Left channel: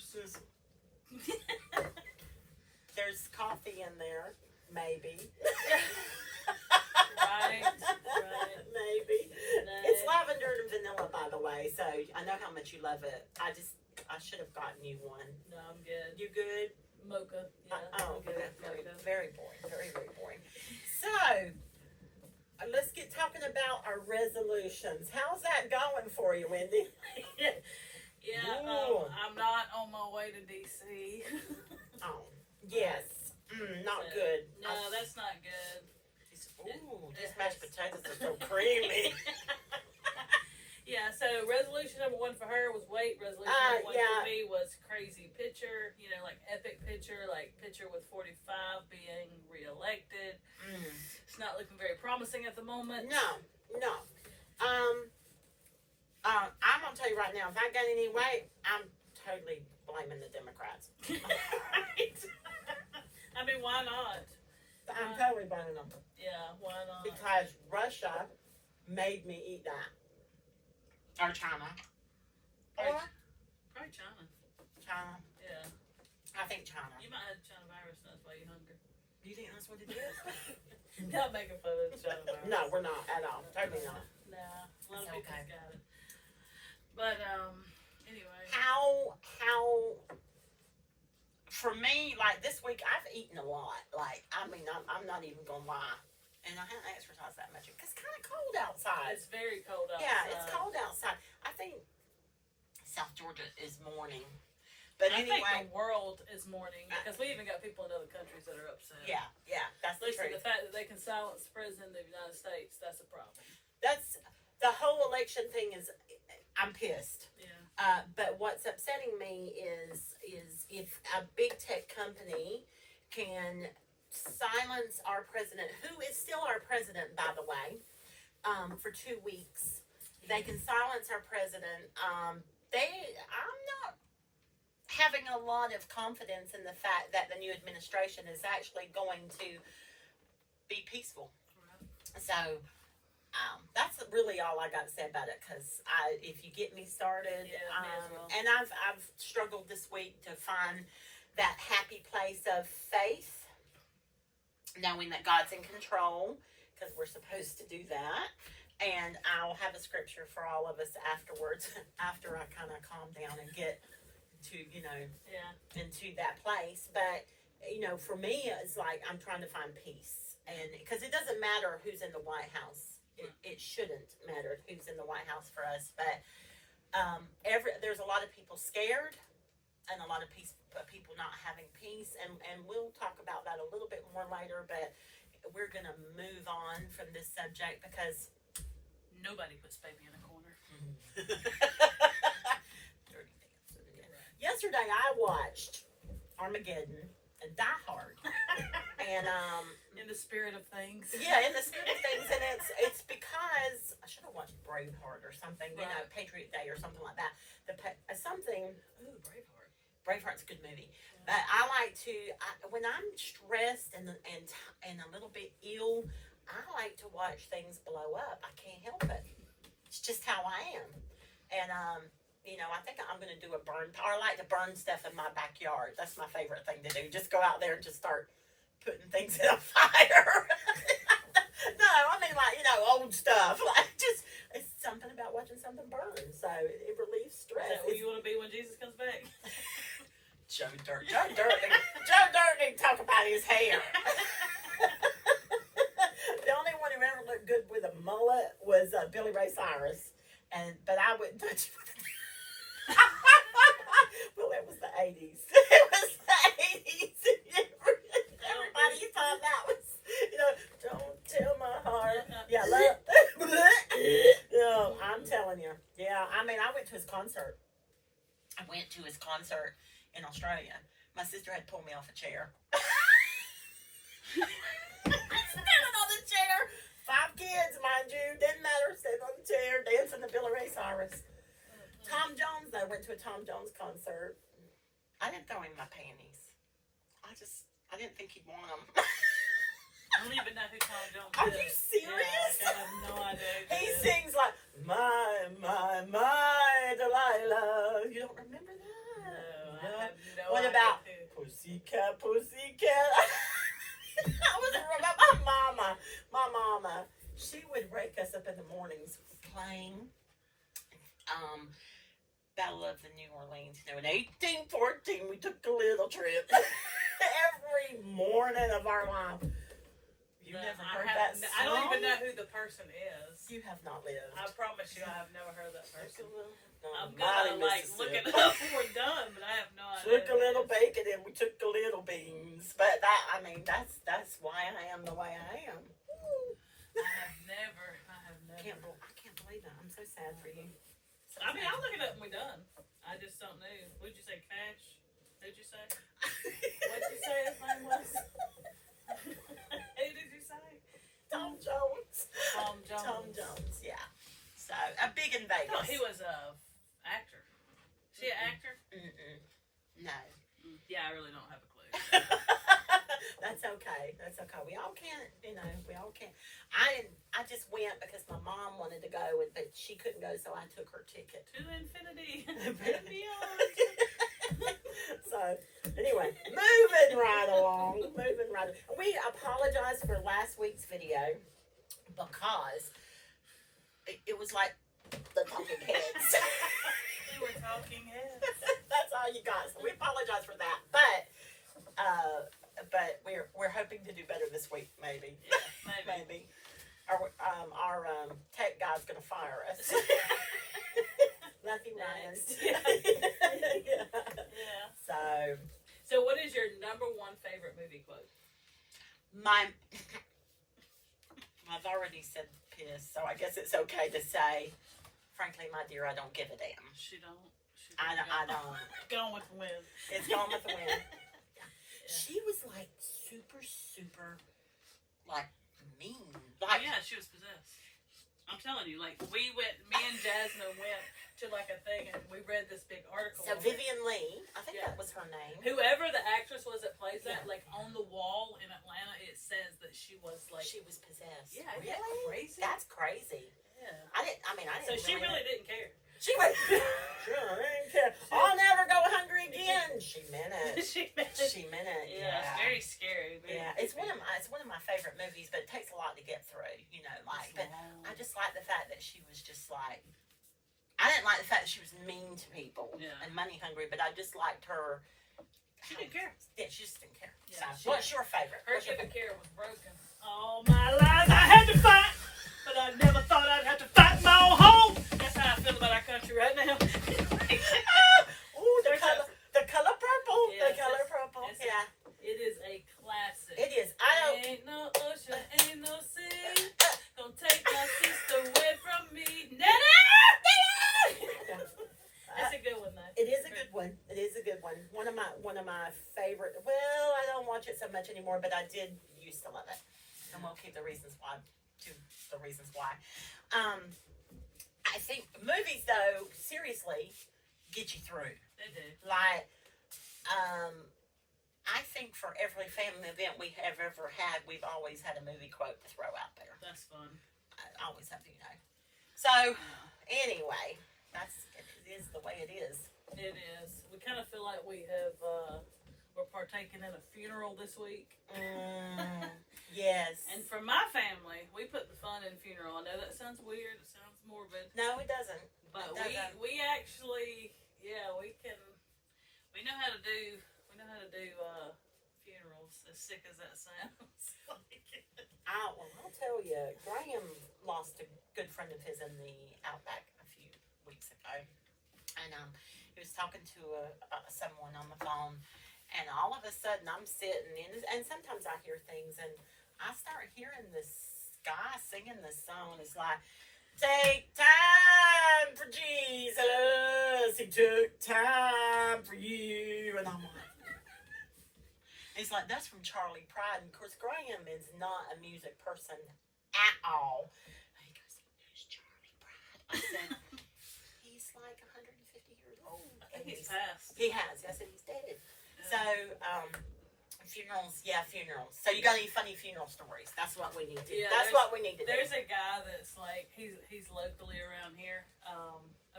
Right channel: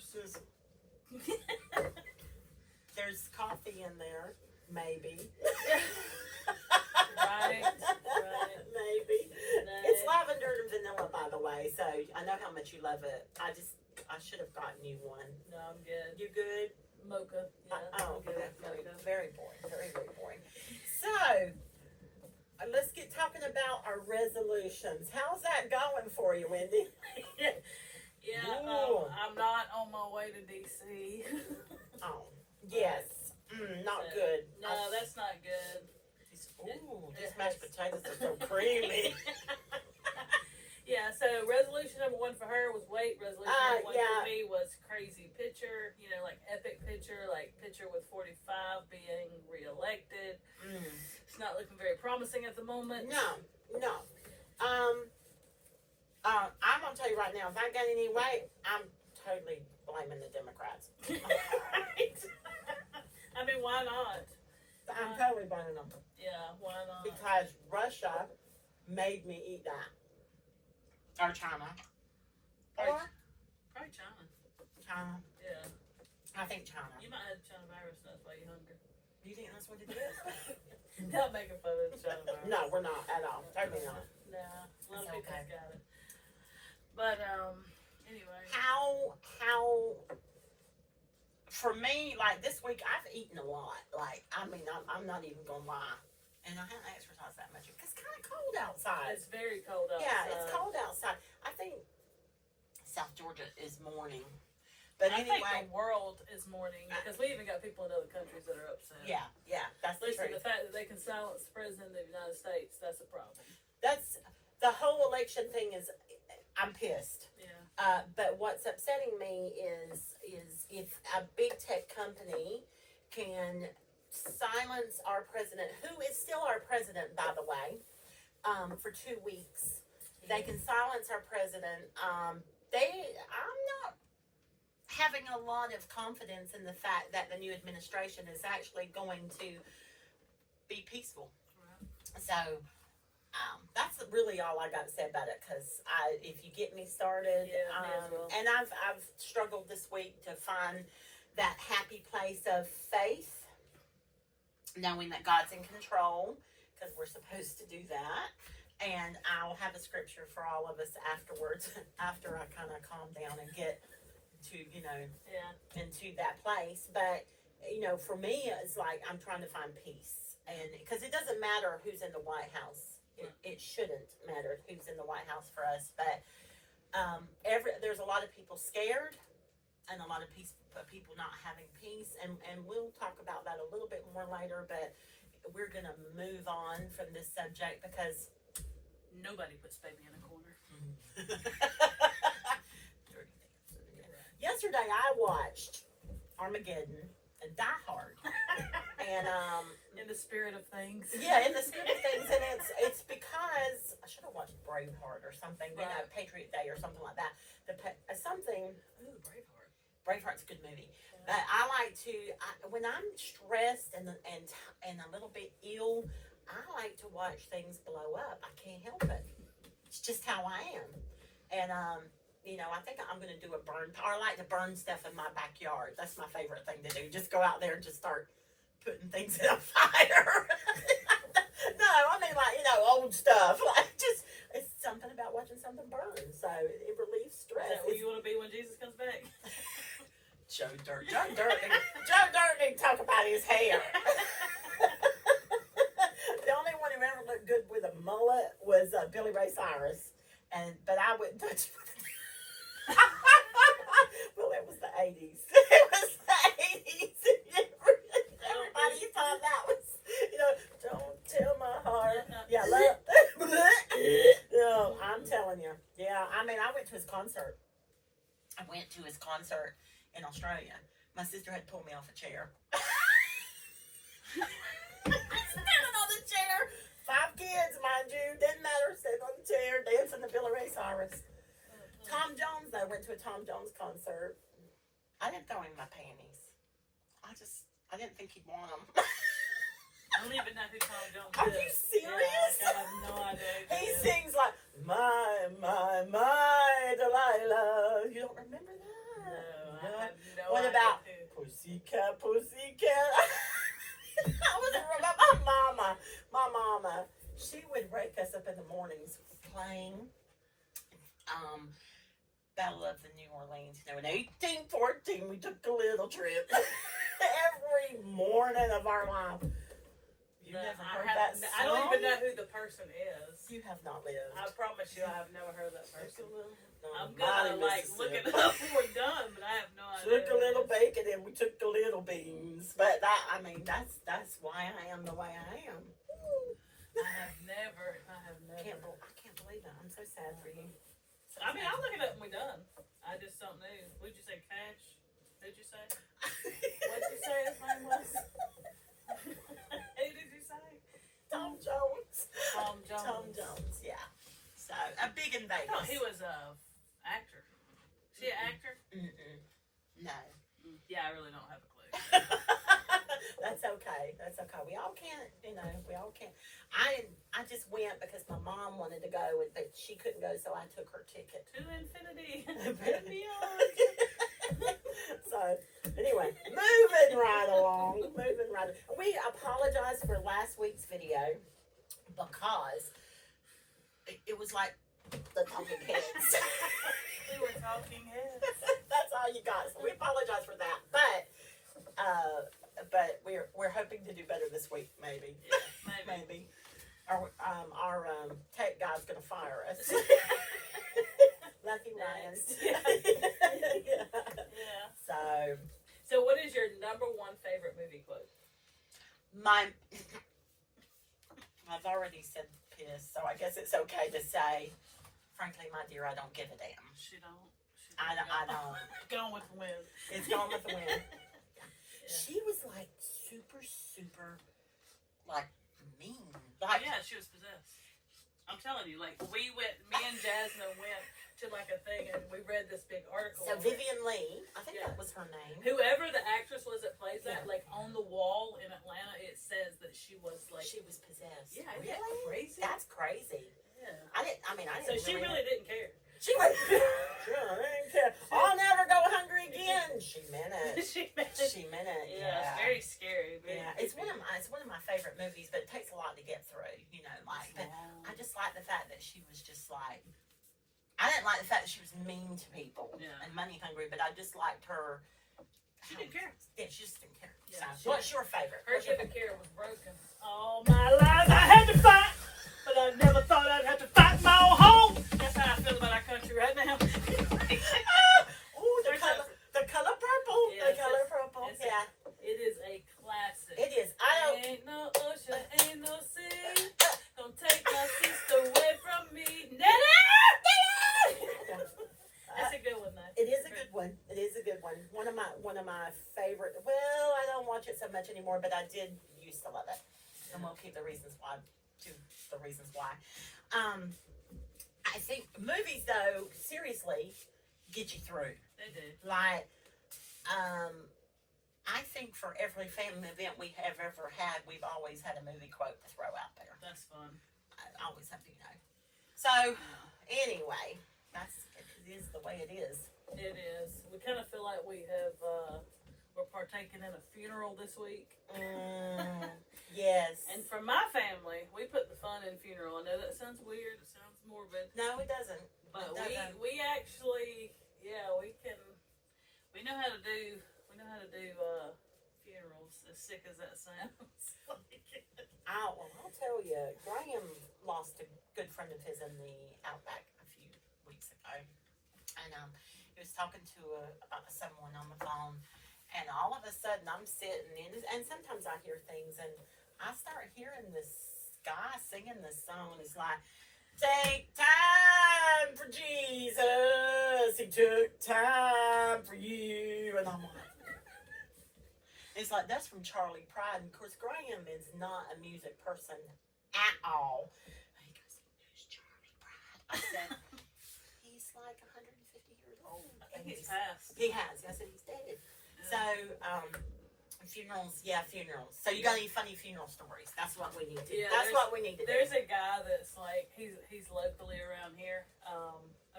sizzle. There's coffee in there, maybe. Right. Maybe. No. It's lavender and vanilla, by the way, so I know how much you love it. I should have gotten you one. No, I'm good. You good? Mocha. Yeah, Oh, I'm good. okay. Mocha. Very boring. Very, very boring. So, let's get talking about our resolutions. How's that going for you, Wendy? Yeah, I'm not on my way to DC. Oh, yes. Not So, good. No, that's not good. Ooh, these mashed potatoes are so creamy. Yeah, so resolution number 1 for her was weight. Resolution number 1 yeah. for me was crazy picture. You know, like epic picture, like picture with 45 being reelected. It's not looking very promising at the moment. No. I'm gonna tell you right now, if I gain any weight, I'm totally blaming the Democrats. Right? I mean, why not? I'm totally blaming them. Yeah, why not? Because Russia made me eat that. Or China. Probably China. China. Yeah. I think China. You might have China virus, and that's why you're hungry. You think that's what it is? Not making fun of China virus. No, we're not at all. Totally not. Nah, a lot of It's people's okay. got it. But, anyway. How for me, like this week, I've eaten a lot. Like, I mean, I'm not even gonna lie. And I haven't exercised that much because it's kind of cold outside. It's very cold outside. Yeah, it's cold outside. I think South Georgia is mourning. But I think anyway, the world is mourning because we even got people in other countries that are upset. yeah, that's the Listen, truth. the fact that they can silence the president of the United States, that's a problem. That's the whole election thing is. I'm pissed. Yeah. But what's upsetting me is if a big tech company can silence our president, who is still our president, by the way, for 2 weeks. They can silence our president. I'm not having a lot of confidence in the fact that the new administration is actually going to be peaceful. Right. So that's really all I got to say about it. Because if you get me started, Yeah, may as well. and I've struggled this week to find that happy place of faith, knowing that God's in control, because we're supposed to do that. And I'll have a scripture for all of us afterwards, after I kind of calm down and get to, into that place. But, for me, it's like I'm trying to find peace. And because it doesn't matter who's in the White House. It shouldn't matter who's in the White House for us. But there's a lot of people scared and a lot of people not having peace. And we'll talk about that a little bit more later. But we're going to move on from this subject because Nobody puts baby in a corner. Yesterday I watched Armageddon and Die Hard. And in the spirit of things. yeah, in the spirit of things, and it's because I should have watched Braveheart or something, Right. Patriot Day or something like that. Something. Ooh, Braveheart. Braveheart's a good movie, but I like to when I'm stressed and a little bit ill, I like to watch things blow up. I can't help it. It's just how I am, and I think I'm going to do a burn. Or I like to burn stuff in my backyard. That's my favorite thing to do. Just go out there and just start putting things in a fire. No, I mean old stuff. Like it's something about watching something burn. So it relieves stress. Is that where you want to be when Jesus comes back? Joe Dirt didn't talk about his hair. The only one who ever looked good with a mullet was Billy Ray Cyrus, but I wouldn't touch. Well, it was the 80s. It was the 80s. Everybody thought that was, don't tell my heart. Yeah, no, I'm telling you. Yeah, I mean, I went to his concert. In Australia. My sister had to pull me off a chair. Standing on the chair. 5 kids, mind you. Didn't matter. Standing on the chair, dancing to Billy Ray Cyrus. Tom Jones, I went to a Tom Jones concert. I didn't throw in my panties. I didn't think he'd want them. I don't even know who Tom Jones is. Are you serious? Yeah, I have no idea. He sings like, my, Delilah. You don't remember that? No, I have no What idea about who. Pussycat, Pussycat? I was remember my mama. She would wake us up in the mornings playing Battle of the New Orleans. You know, in 1814, we took a little trip every morning of our life. You never heard that song? I don't even know who the person is. You have not lived. I promise you, I have never heard that person. No, I'm gonna look it up when we're done, but I have no idea. Took a little bacon and we took the little beans, but that's why I am the way I am. I have never. I can't believe that. I'm so sad for you. So I mean, sad. I'll look it up when we're done. I just don't know. What'd you say, Cash? Who'd you say? What'd you say his name was? Who did you say? Tom Jones. Tom Jones. Tom Jones, yeah. So, a big in I thought Vegas. he was a actor. Is he an actor? Mm-mm. No. Yeah, I really don't have a clue. That's okay. That's okay. We all can't, we all can't. I just went because my mom wanted to go, but she couldn't go, so I took her ticket. To infinity and beyond. So, anyway, moving right along. We apologize for last week's video because it was like the talking heads. We were talking heads. That's all you got. So we apologize for that, but we're hoping to do better this week, maybe. Yeah, maybe. Our tech guy's gonna fire us. Lucky Next. Ryan. Yeah. So So, what is your number one favorite movie quote? I've already said piss, so I guess it's okay to say, frankly, my dear, I don't give a damn. She don't. I don't. Going with the wind. It's going with the wind. Yeah. She was like super, like mean. Like, yeah, she was possessed. I'm telling you, like me and Jasmine went to like a thing and we read this big article. So Vivian Lee, I think that was her name. Whoever the actress was that plays that, like on the wall in Atlanta, it says that she was like possessed. Yeah, really? isn't that crazy? That's crazy. Yeah. I didn't. So she really didn't care. She went. Sure, I didn't care. I'll never go hungry again. She meant it. She meant it. She meant it. Yeah, it's very scary. Yeah, it's one of my favorite movies, but it takes a lot to get through. But I just like the fact that she was just like. I didn't like the fact that she was mean to people and money hungry, but I just liked her. She didn't care. Yeah, she just didn't care. Yeah, So, what's your favorite? Her chicken care was broken. All my life I had to fight, but I never thought I'd have to fight my own home. That's how I feel about our country right now. Ooh, the color purple. Yeah, The color purple. Yeah. It is a classic. It is. Ain't no ocean, ain't no sea. Don't take my sister away from me. Nana! That's a good one, though. It is a good one. It is a good one. One of my favorite. Well, I don't watch it so much anymore, but I did used to love it. And we'll keep the reasons why. I think movies, though, seriously, get you through. They do. Like, I think for every family event we have ever had, we've always had a movie quote to throw out there. That's fun. I always have to, So, anyway, it is the way it is. It is. We kind of feel like we have, we're partaking in a funeral this week. Yes. And for my family, we put the fun in funeral. I know that sounds weird. It sounds morbid. No, it doesn't. But we actually, we know how to do funerals, as sick as that sounds. I'll tell you, Graham lost a good friend of his in the Outback a few weeks ago. And he was talking to someone on the phone, and all of a sudden I'm sitting in, and sometimes I hear things, and I start hearing this guy singing this song. It's like, take time for Jesus, he took time for you. And I'm like, it's like, that's from Charlie Pride. And of course, Graham is not a music person at all. And he goes, who's Charlie Pride? I said, he's like 150 years old. I think he's passed. He has. I said, he's dead. So, funerals. So you got any funny funeral stories? That's what we need to do. That's what we need to do. There's a guy that's like, he's locally around here,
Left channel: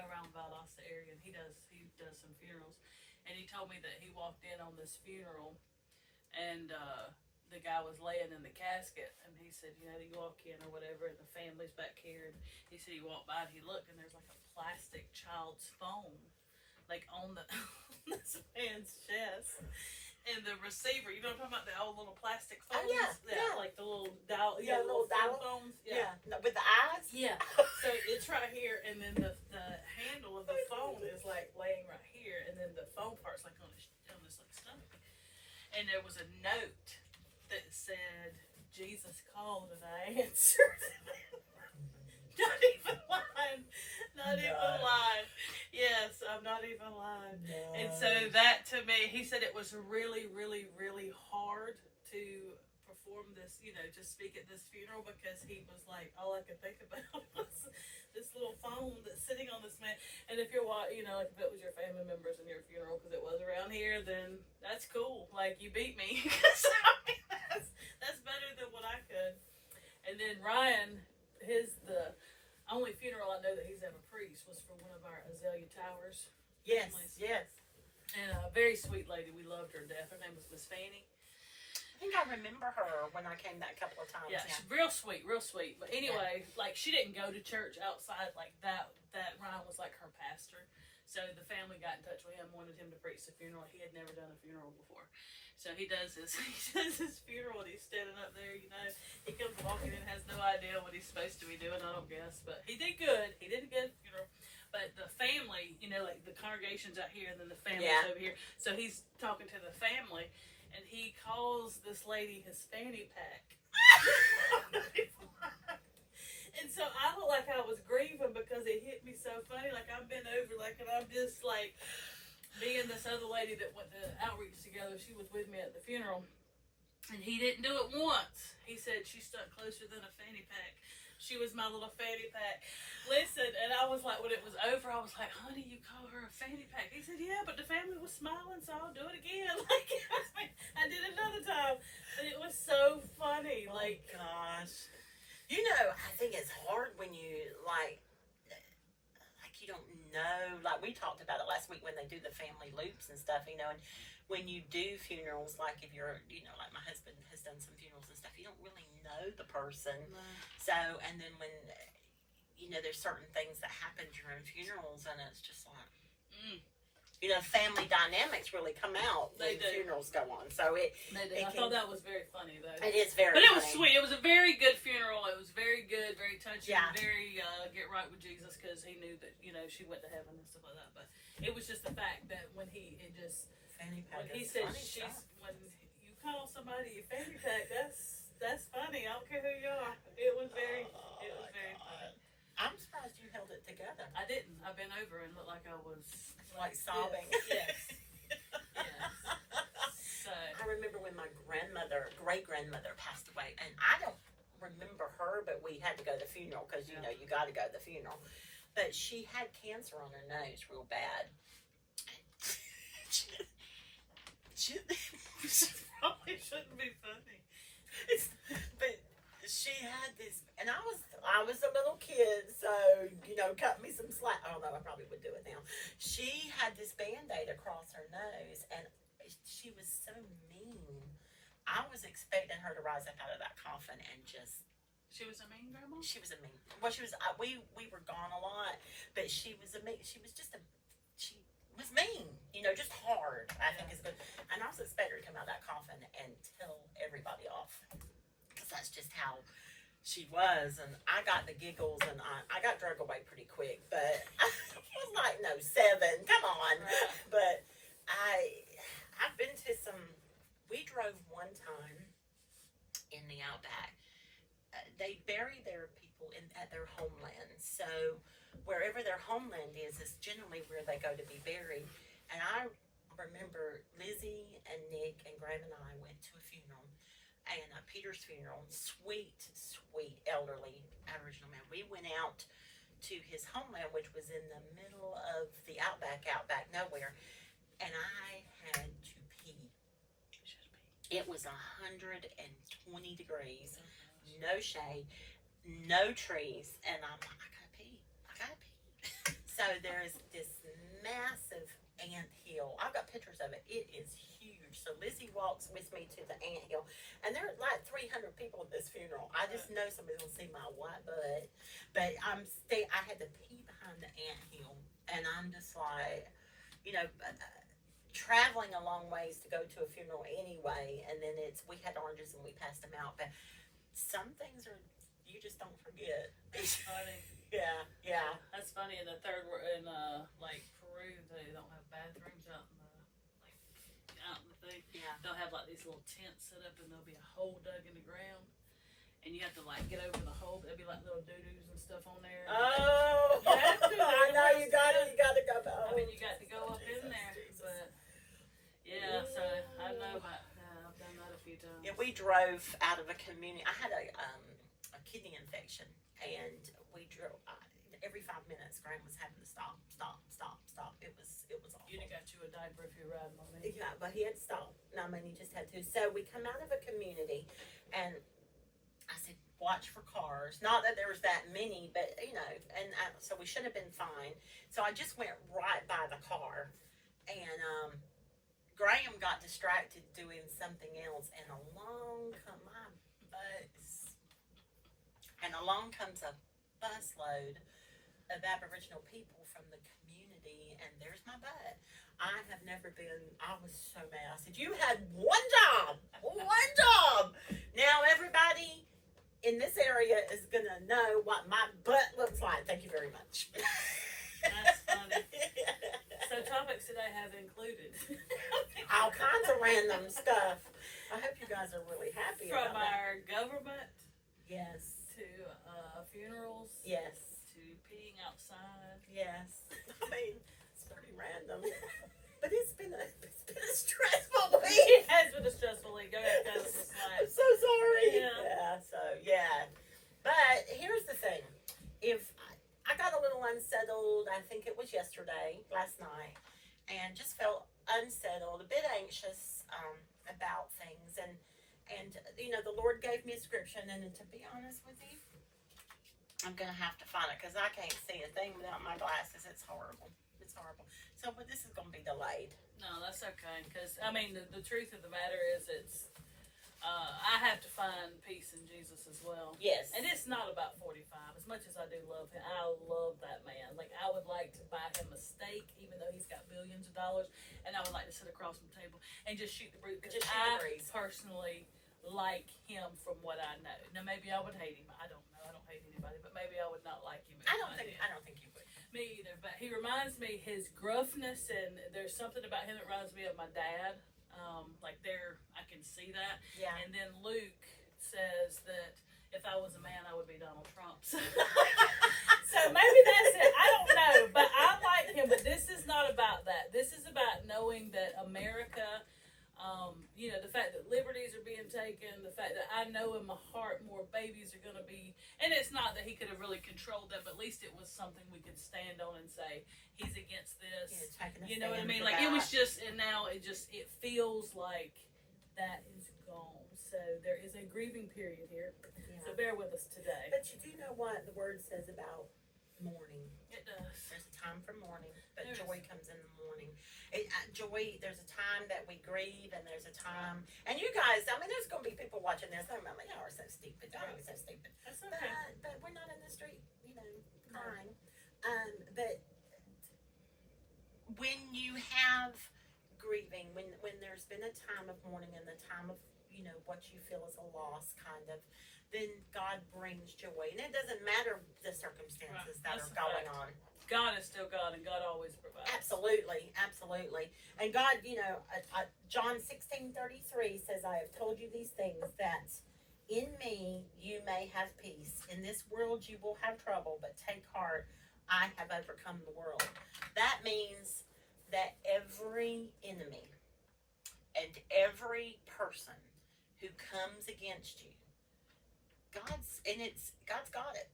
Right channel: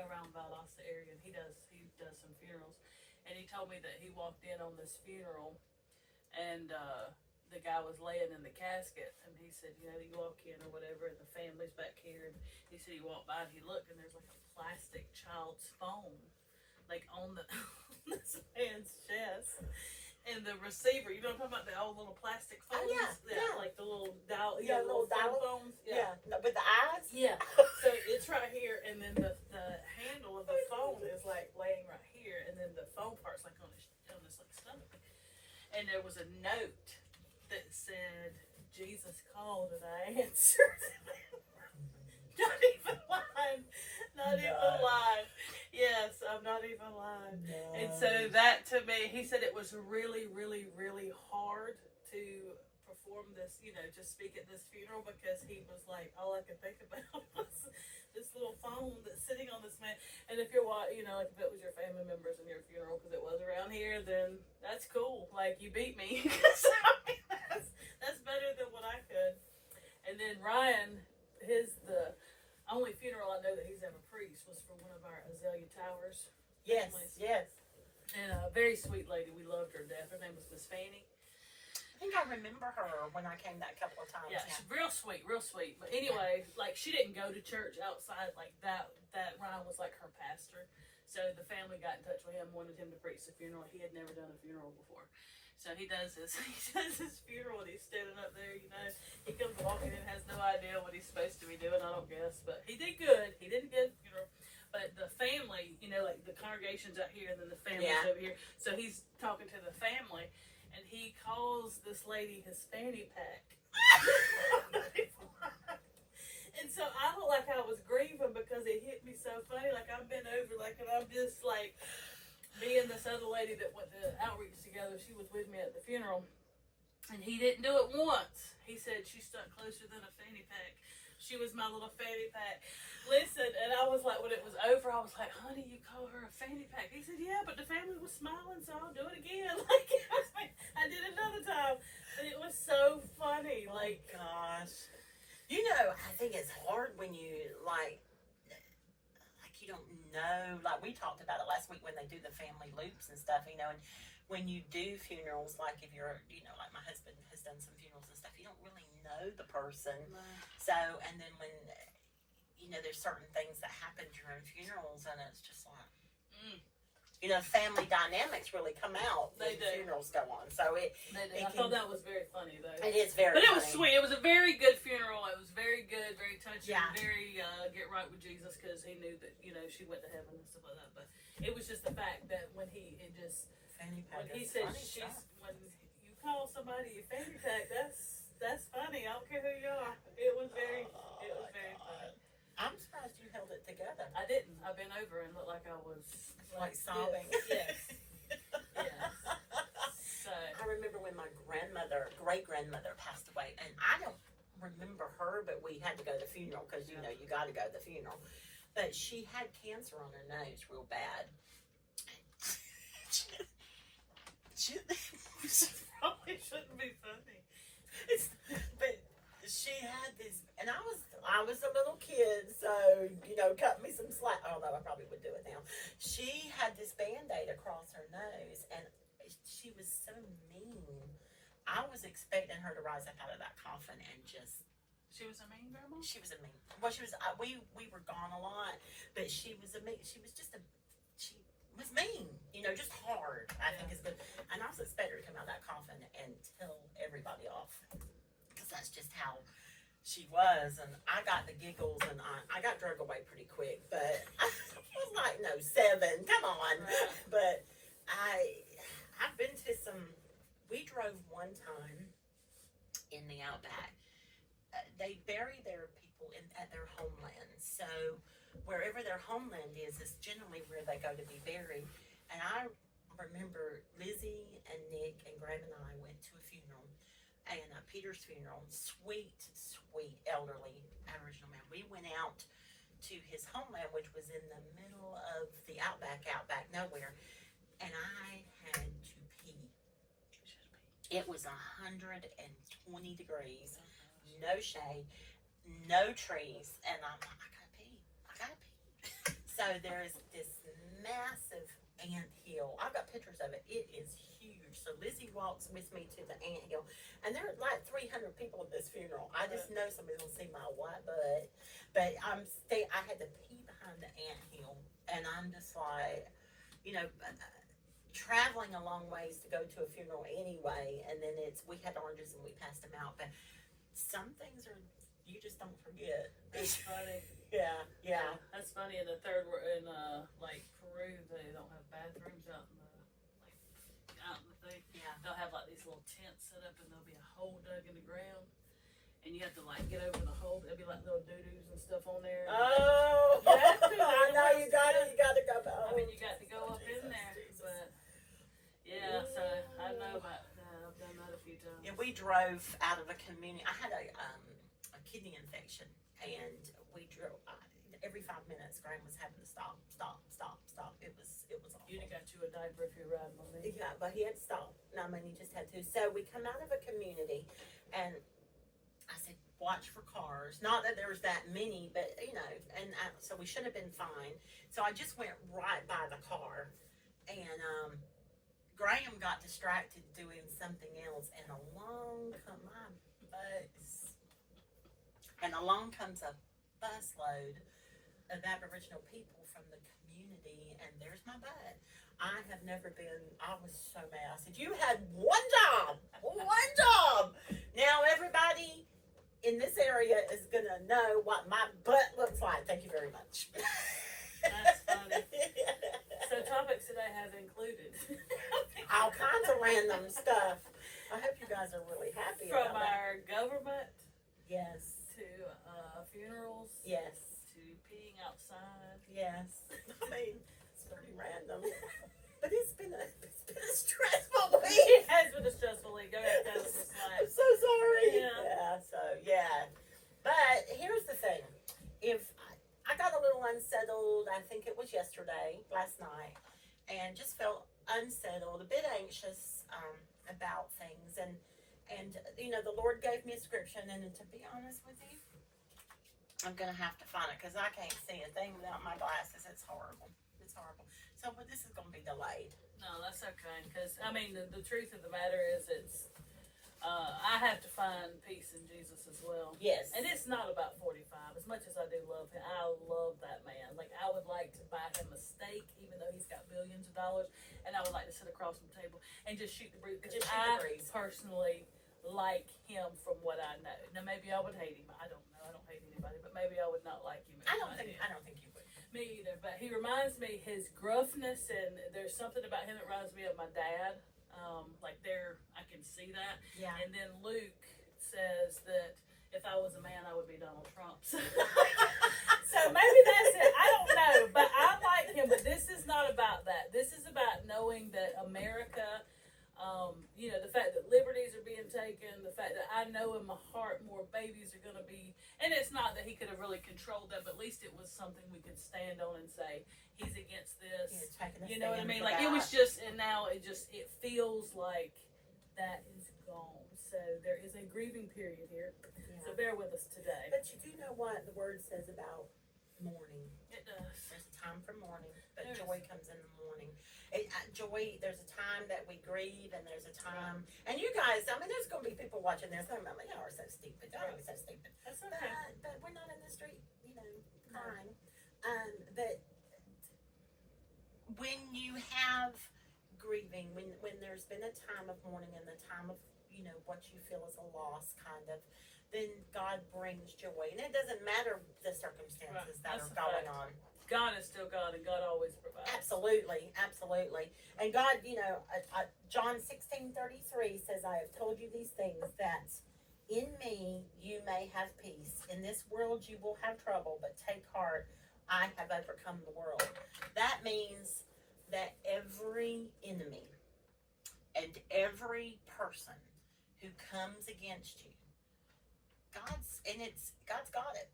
around Valdosta area, and he does some funerals. and he told me that he walked in on this funeral, and the guy was laying in the casket, and he said, you know, you walk in or whatever, and the family's back here, and he said he walked by and he looked, and there's like a plastic child's phone, like on this man's chest. And the receiver, you know what I'm talking about, the old little plastic phones? Oh, yeah. Like the little dial, little dial phones. Yeah. With the eyes? Yeah. So it's right here, and then the handle of the phone is like laying right here, and then the phone part's like on his like stomach. And there was a note that said, Jesus called and I answered. Not even lying. Not even lying. Yes, I'm not even lying. No. And so that to me, he said it was really, really, really hard to perform this, you know, to speak at this funeral, because he was like, all I could think about was this little phone that's sitting on this man. And if you're, you know, like if it was your family members in your funeral, because it was around here, then that's cool. Like, you beat me. So, I mean, that's better than what I could. And then Ryan, the only funeral I know that he's ever preached was for one of our Azalea Towers families. Yes. And a very sweet lady. We loved her to death. Her name was Miss Fanny. I think I remember her when I came that couple of times. Yeah, she's real sweet. But anyway, like, she didn't go to church outside like that. That Ryan was like her pastor. So the family got in touch with him, wanted him to preach the funeral. He had never done a funeral before. So he does his funeral, and he's standing up there, you know. He comes walking in, has no idea what he's supposed to be doing, I don't guess. But he did good. He did a good funeral. But the family, you know, like the congregation's out here, then the family's over here. So he's talking to the family, and he calls this lady his fanny pack. And so I felt like I was grieving because it hit me so funny. Like, I'm bent over, like, and I'm just like, me and this other lady that went to outreach together, she was with me at the funeral, and he didn't do it once. He said she stuck closer than a fanny pack. She was my little fanny pack. Listen, and I was like, when it was over, I was like, honey, you call her a fanny pack? He said, yeah, but the family was smiling, so I'll do it again. Like, I did another time, but it was so funny. Like, gosh. You know, I think it's hard when you, like you don't know, like we talked about it last week when they do the family loops and stuff, you know, and when you do funerals, like if you're, you know, like my husband has done some funerals and stuff, you don't really know the person. No. So, and then when, you know, there's certain things that happen during funerals, and it's just like, you know, family dynamics really come out when funerals go on. So I thought that was very funny, though. It is very funny. But it was sweet. It was a very good funeral. It was very good, very touching, very get right with Jesus, because he knew that, you know, she went to heaven and stuff like that. But it was just the fact that when he said when you call somebody a fanny pack, that's funny. I don't care who you are. It was very funny. I'm surprised you held it together. I didn't. I bent over and looked like I was like sobbing. Yes. So I remember when my great-grandmother passed away, and I don't remember her, but we had to go to the funeral because, you know, you got to go to the funeral. But she had cancer on her nose real bad. She probably shouldn't be funny. But she had this, and I was a little kid, so, you know, cut me some slack. Although I probably would do it now. She had this Band-Aid across her nose, and she was so mean. I was expecting her to rise up out of that coffin and just. She was a mean grandma? She was a mean. Well, she was. We were gone a lot, but she was a mean. She was just she was mean. You know, just hard. I think is good. And I was expecting her to come out of that coffin and tell everybody off, because that's just how she was. And I got the giggles, and I got drug away pretty quick. But I was like, no, 7. Come on. Right. But I've been to some. We drove one time in the Outback. They bury their people at their homeland. So wherever their homeland is generally where they go to be buried. And I remember Lizzie and Nick and Graham and I went to a funeral, and Peter's funeral. Sweet elderly Aboriginal man. We went out to his homeland, which was in the middle of the outback nowhere, and I had to pee. It was 120 degrees, no shade, no trees, and I'm like, I gotta pee. So there's this massive ant hill. I've got pictures of it. It is huge. So Lizzie walks with me to the anthill, and there are like 300 people at this funeral. I just know somebody's gonna see my white butt, but I had to pee behind the anthill, and I'm just like, you know, traveling a long ways to go to a funeral anyway, and then we had oranges and we passed them out, but some things are, you just don't forget. That's funny. Yeah. That's funny. In the third, in like Peru, they don't have bathrooms out in the thing. Yeah. They'll have like these little tents set up, and there'll be a hole dug in the ground, and you have to like get over the hole. There'll be like little doo-doos and stuff on there. Oh, You have to. I know you got to go. I mean, you got to go up in there, but yeah. So I know about. I've done that a few times. Yeah, we drove out of a community. I had a kidney infection, and we drove every 5 minutes. Graham was having to stop. It was awful. You'd have got you a diaper if you're riding on me. Yeah, but he had to stop. No, I mean, he just had to. So we come out of a community, and I said, watch for cars. Not that there was that many, but, you know, and so we should have been fine. So I just went right by the car, and Graham got distracted doing something else, and along comes a busload of Aboriginal people from the community, and there's my butt. I was so mad. I said, you had one job. Now everybody in this area is going to know what my butt looks like. Thank you very much. That's funny. So topics today have included all kinds of random stuff. I hope you guys are really happy from about our government yes. to funerals. Yes. To peeing outside. Yes. I mean, it's pretty random. But it's been a stressful week. It has been a stressful week. Go ahead, I'm so sorry. Yeah. But here's the thing. If I got a little unsettled, I think it was last night, and just felt unsettled, a bit anxious about things, and you know, the Lord gave me a scripture, and to be honest with you, I'm gonna have to find it because I can't see a thing without my glasses. It's horrible. So, but this is gonna be delayed. No, that's okay. Because I mean, the truth of the matter is, I have to find peace in Jesus as well. Yes. And it's not about 45. As much as I do love him, I love that man. Like, I would like to buy him a steak, even though he's got billions of dollars, and I would like to sit across from the table and just shoot the breeze. Because I personally like him from what I know. Now, maybe I would hate him. I don't know. I don't hate anybody, but maybe I would not like him. I don't think you would. Me either. But he reminds me, his gruffness, and there's something about him that reminds me of my dad. I can see that. Yeah. And then Luke says that if I was a man, I would be Donald Trump. So maybe that's it. I don't know, but I like him. But this is not about that. This is about knowing that America, you know, the fact that liberties are being taken, the fact that I know in my heart more babies are going to be, and it's not that he could have really controlled that, but at least it was something we could stand on and say, he's against this. You know what I mean? Like, it was just, and now it feels like that is gone. So there is a grieving period here. Yeah. So bear with us today. But you do know what the word says about mourning. It does. There's a time for mourning, but joy comes in the morning. Joy, there's a time that we grieve, and there's a time, and you guys, I mean, there's going to be people watching this, going, "Mama, y'all are so stupid. Y'all are so stupid." That's okay. But we're not in the street, you know, crying. But when you have grieving, when there's been a time of mourning and the time of, you know, what you feel is a loss, kind of, then God brings joy, and it doesn't matter the circumstances that are going on. God is still God, and God always provides. Absolutely. And God, you know, John 16:33 says, "I have told you these things, that in me you may have peace. In this world you will have trouble, but take heart, I have overcome the world." That means that every enemy and every person who comes against you, God's got it.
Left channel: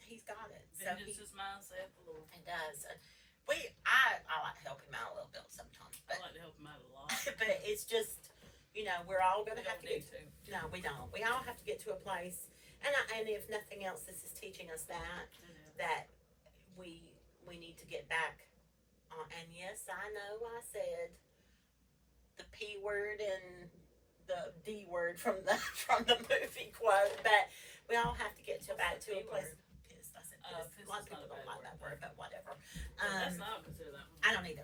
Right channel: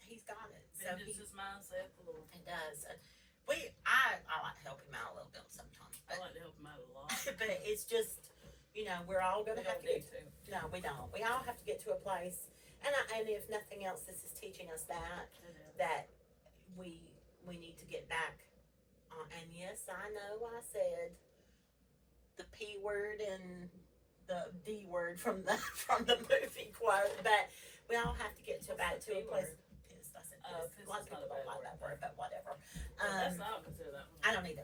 He's got it. So this is mindset, the Lord. It does. I like to help him out a little bit sometimes. I like to help him out a lot. But it's just, you know, we're all going to have to get to. No, we don't. We all have to get to a place, and if nothing else, this is teaching us that we need to get back on. And yes, I know I said P word and the D word from the movie quote, but we all have to get back to a place. Pissed. I said pissed. A lot of people don't like that word, but whatever. That's not consider that one. I don't either.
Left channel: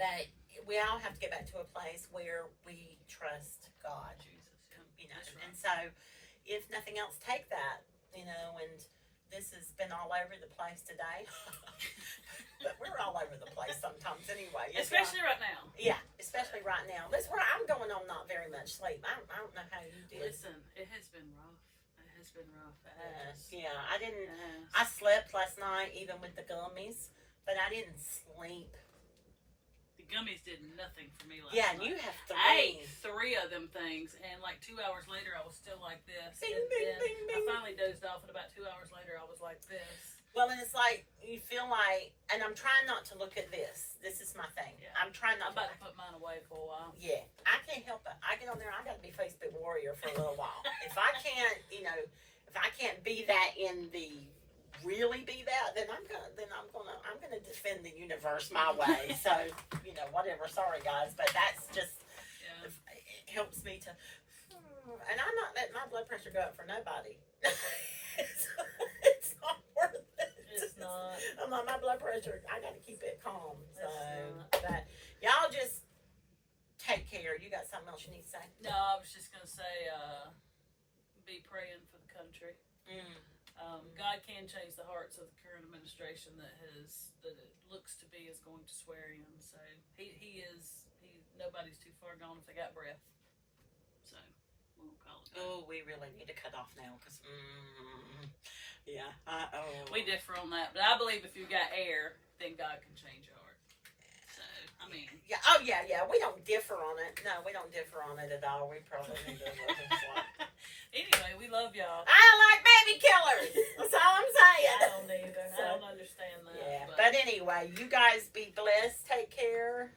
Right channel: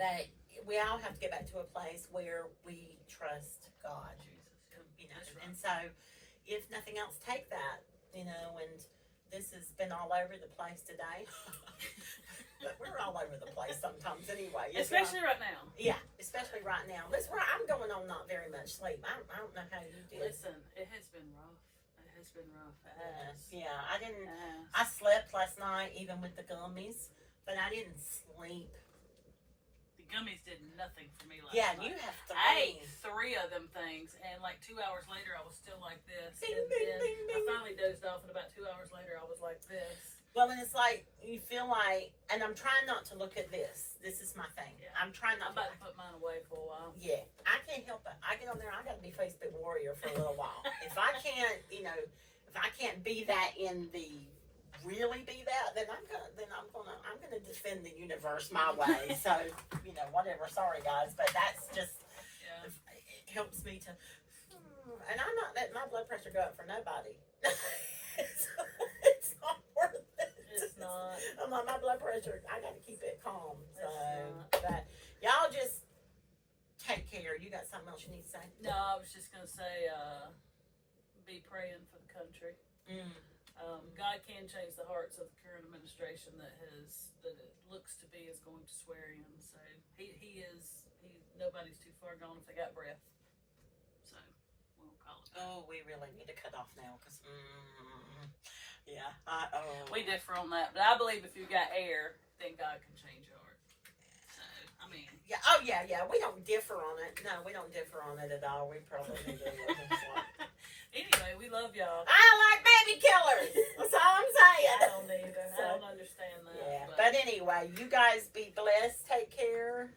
But we all have to get back to a place where we trust God. You know, and so if nothing else, take that. You know, and this has been all over the place today. But we're all over the place sometimes anyway. Especially right now. Yeah, especially right now. I'm going on not very much sleep. I don't know how you do. Listen, it has been rough. It has been rough. Yeah, I didn't. I slept last night even with the gummies, but I didn't sleep. The gummies did nothing for me last Yeah, night. you have to. I ate 3 of them things, and like 2 hours later, I was still like this. Ding, and ding, then ding, ding. I finally dozed off, and about 2 hours later, I was like this. Well, and it's like you feel like, and I'm trying not to look at this. This is my thing. Yeah. I'm trying I'm not about to. to put mine away for a while. Yeah, I can't help it. I get on there. I got to be Facebook warrior for a little while. If I can't, if I can't be that in the really be that, then I'm gonna defend the universe my way. So whatever. Sorry guys, but that's just it helps me to. And I'm not letting my blood pressure go up for nobody. It's not worth it. It's not. I'm like, my blood pressure, I got to keep it calm. So, but y'all just take care. You got something else you need to say? No, I was just gonna say, be praying for the country. God can change the hearts of the current administration that it looks to be is going to swear in. So nobody's too far gone if they got breath. So we'll call it. Oh, we really need to cut off now because, yeah. We differ on that, but I believe if you got air, then God can change your heart. So I mean, yeah. Oh, yeah. We don't differ on it. No, we don't differ on it at all. We probably need to look and stuff. Anyway, we love y'all. I like baby killers. That's all I'm saying. I don't either. I don't understand that. Yeah. But anyway, you guys be blessed. Take care.